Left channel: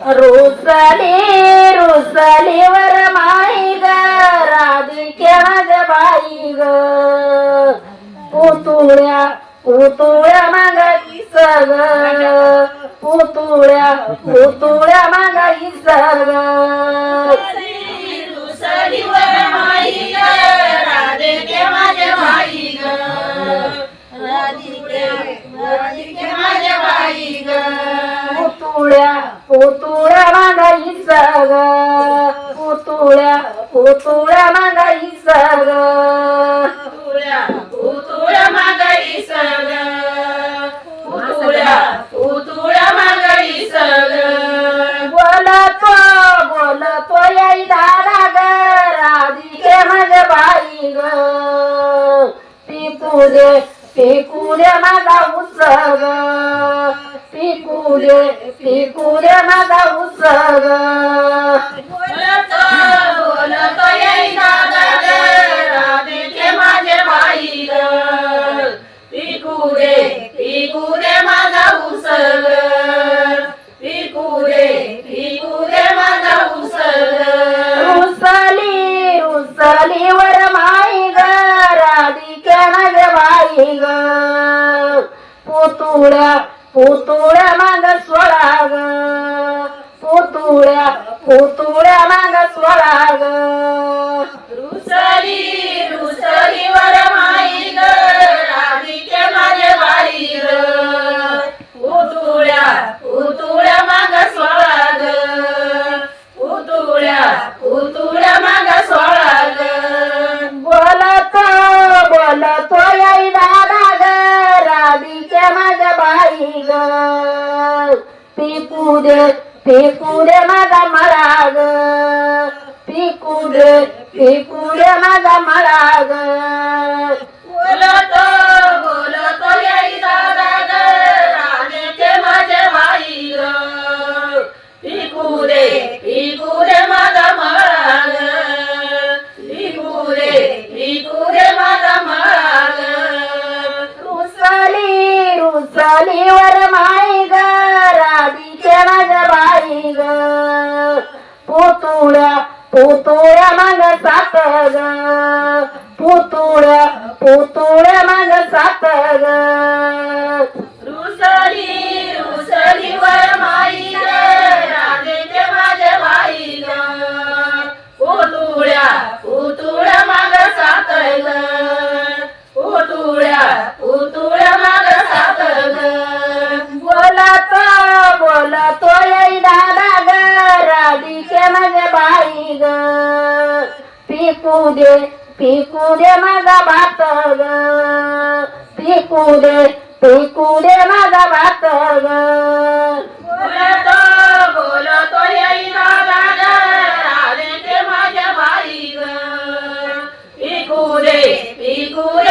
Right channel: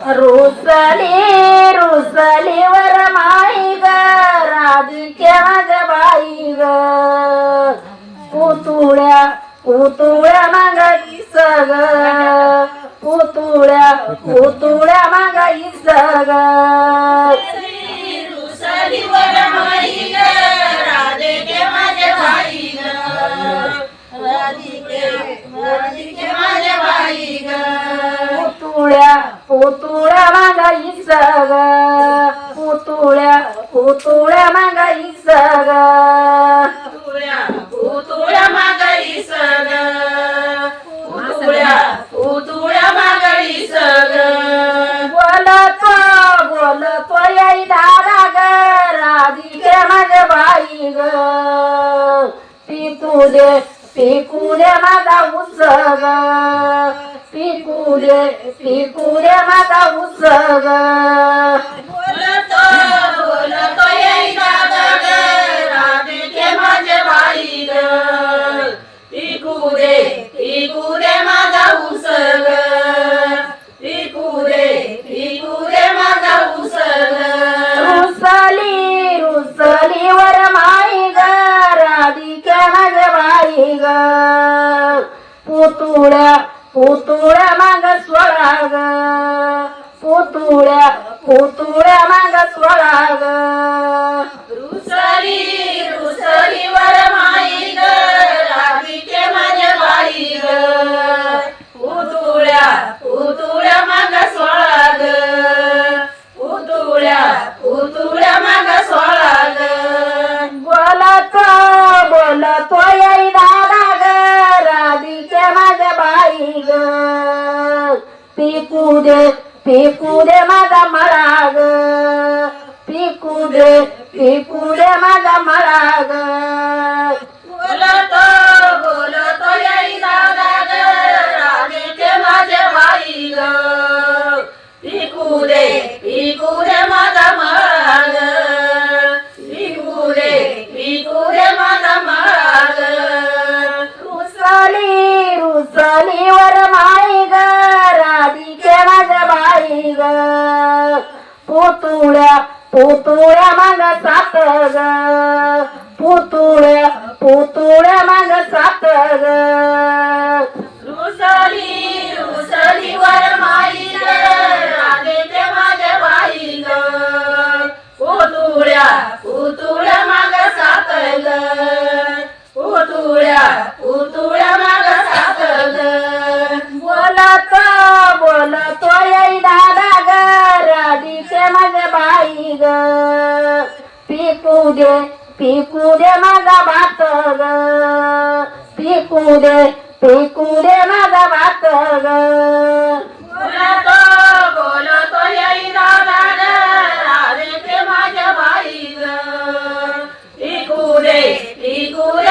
रुसले रुसले वर माई ग राधिक्या बाई ग. पुतुळ्या पुतुळ्या मागाई सग पुतुळ्या पुतुळ्या मागाई सग पुतुळ्या पुतुळ्या पुतुळ्या माग सोळा ग रुसली रुसली वर माई ग राधिके माझ्या बाई ग पुतुळ्या पुतुळ्या माग सोळा ग पुतुळ्या पुतुळ्या माग सोळा ग बोलत बोलत येई दादा ग राधिके माझ्या बाई ग पिकू दे पिकू दे माझा मराग. ग पिकू दे पिकू दे माझा मराग. ग बोलत बोलत येई दादा ग. माझे भाई बाई ग. पिकू दे पिकू दे पुतुळ्या पुतुळ्या माग सात ग रुसली रुसली वर माई राधिके माझ्या बाई ग पुतुळ्या पुतुळ्या माग सात ग पुतुळ्या पुतुळ्या माग सात ग बोलत बोलत येई दादा ग राधिके माझ्या बाई ग पिकू दे पिकू दे माझा भात ग पिकू दे पिकू दे माझा भात ग बोलतो बोलतो दादा माझ्या बाई ग पिकू दे पिकू दे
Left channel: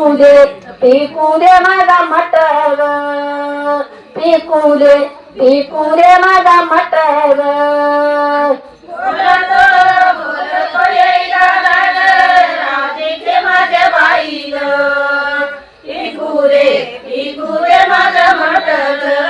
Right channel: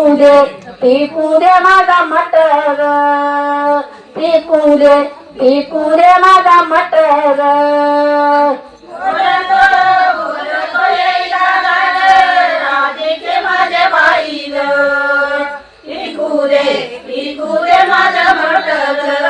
पिकू दे पिकू दे माझा मटर पिकू दे पिकू दे माझा मटर माझ्या बाई पिकू दे पिकू दे माझा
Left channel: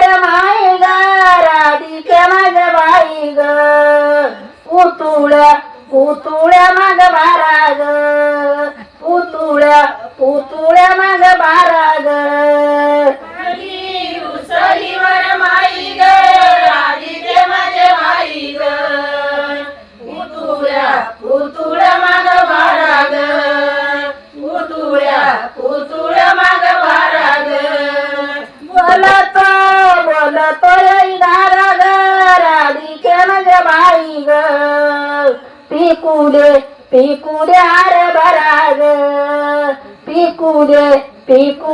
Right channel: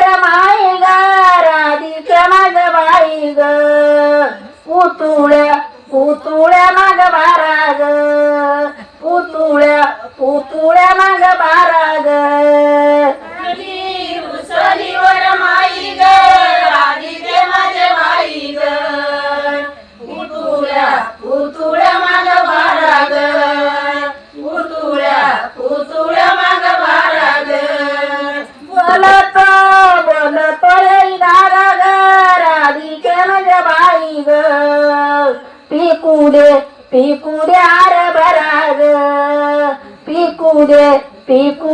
पुतुळ्या माग बाराग. उतुळ्या पुतुळ्या माग बाराग. बोलता बोलतो येणारा ग राधिकेला ग बाई ग पिकू दे आर बराग. पिकू दे पिकू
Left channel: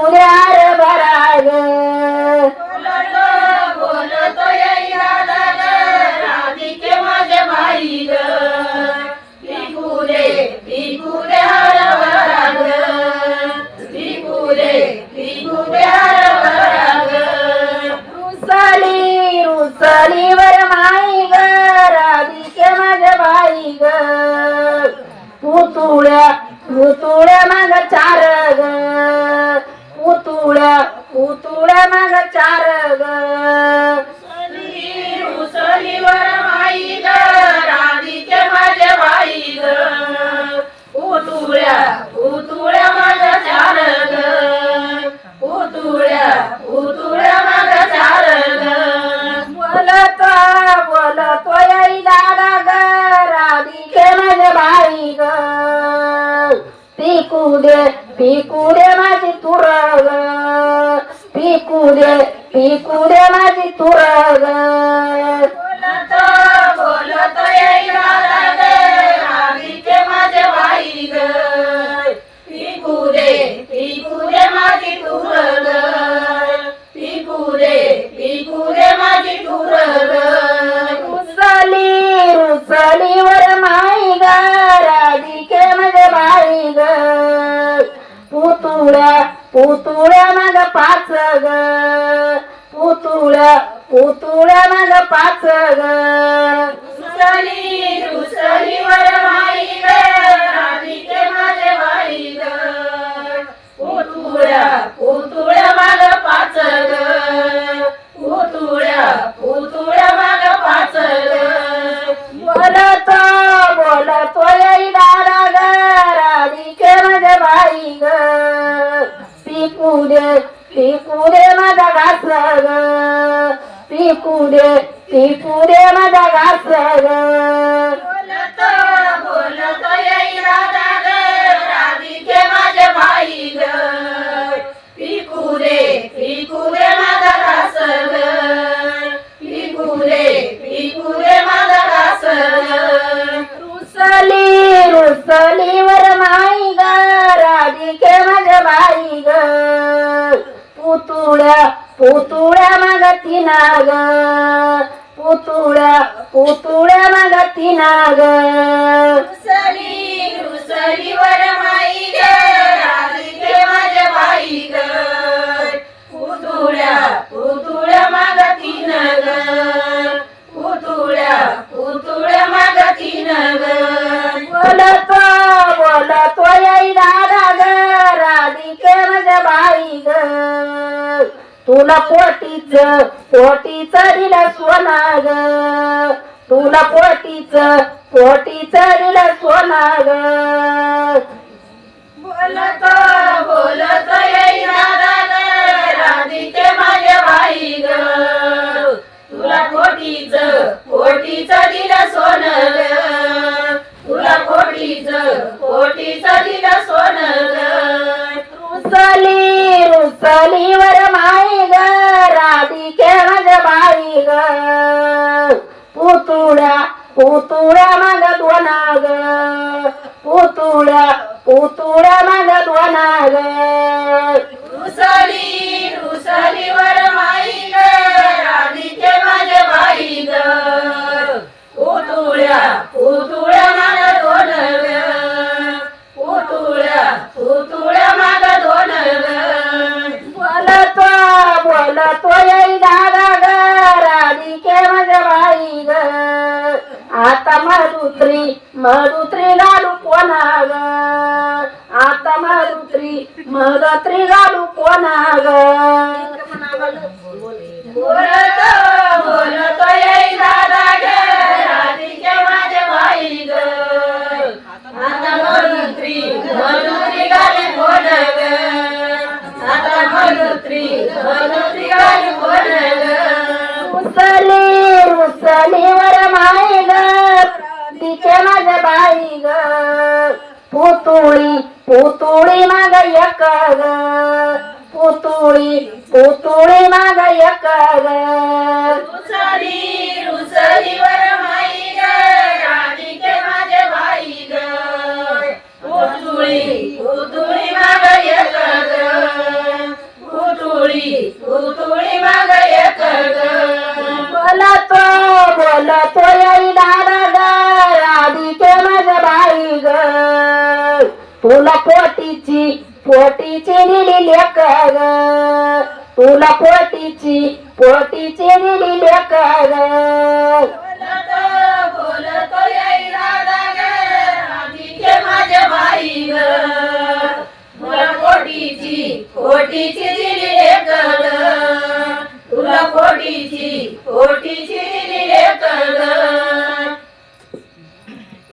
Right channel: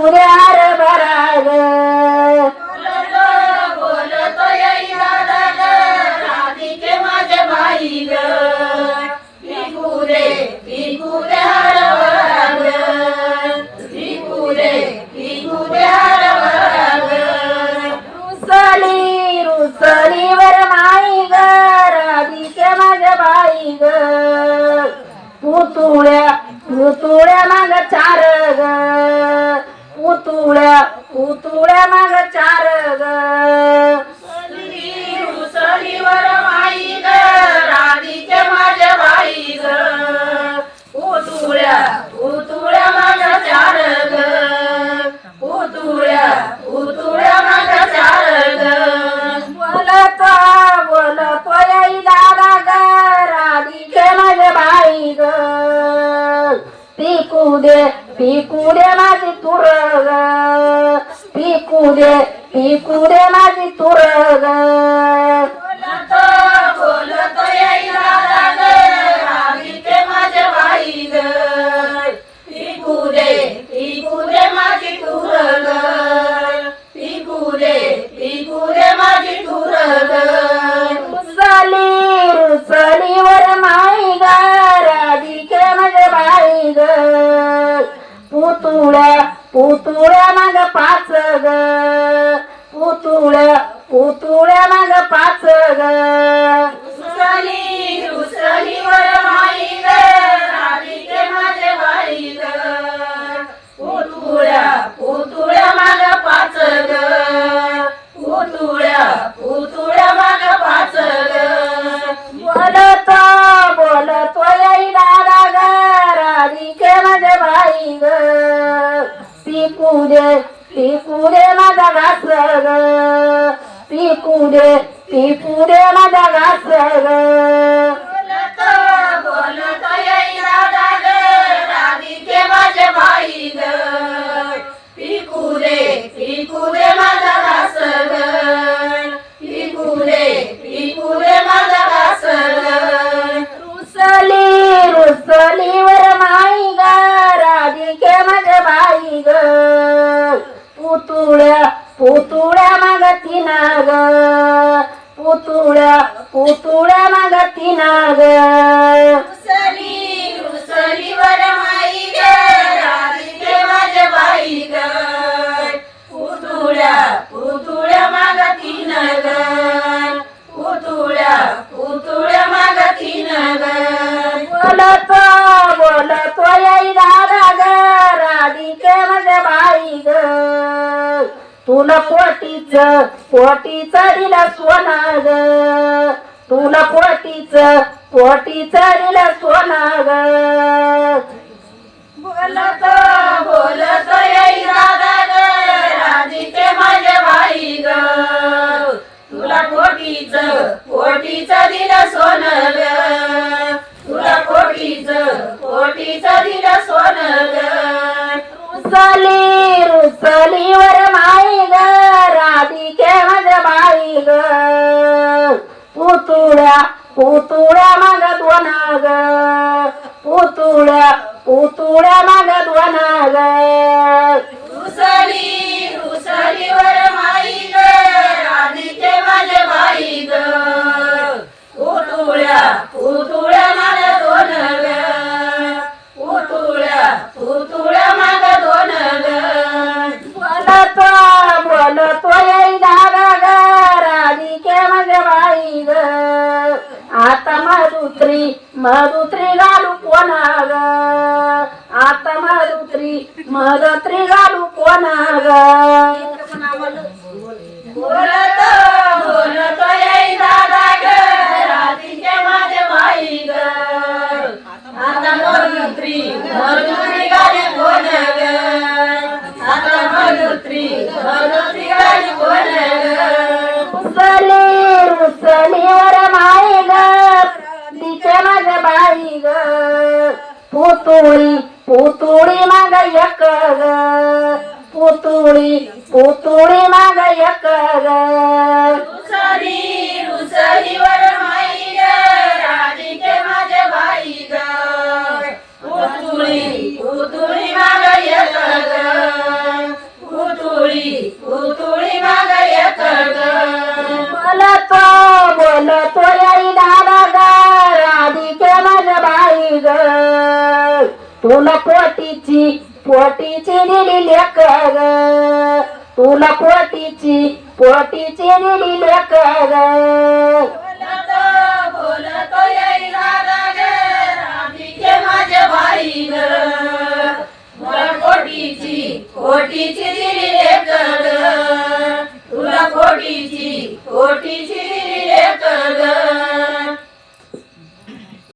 पुतुळ्या उतुळ्या माग चार ग. उतुळ्या उतुळ्या माग चार ग. उसलीवर माई ग. राधीच्या माझ्या बाई ग. उतुळ्या उतुळ्या माग चार ग. पिकू दे माझी तुरग पिकू दे उतुळ्या उतुळ्या माझ पाच ग で तुला पोटीच पोटी चरीला सोना ग तुला पोटीच पोटी चरीला सोना ग बोलत बोलत येई दादा ग राधीचे माझे बाई ग तुला पोटीच पोटी चरीला सोना কতরা मारुत्री घालू कोणा ग आता मारुत्री मारुत्री घालू कोणा ग बोलत बोलत Oh. तुला पोटीची पोटीची निडी लेकर तुला पोटीची पोटीची निडी लेकर तुला कोटीची कोटीची दिली लेकर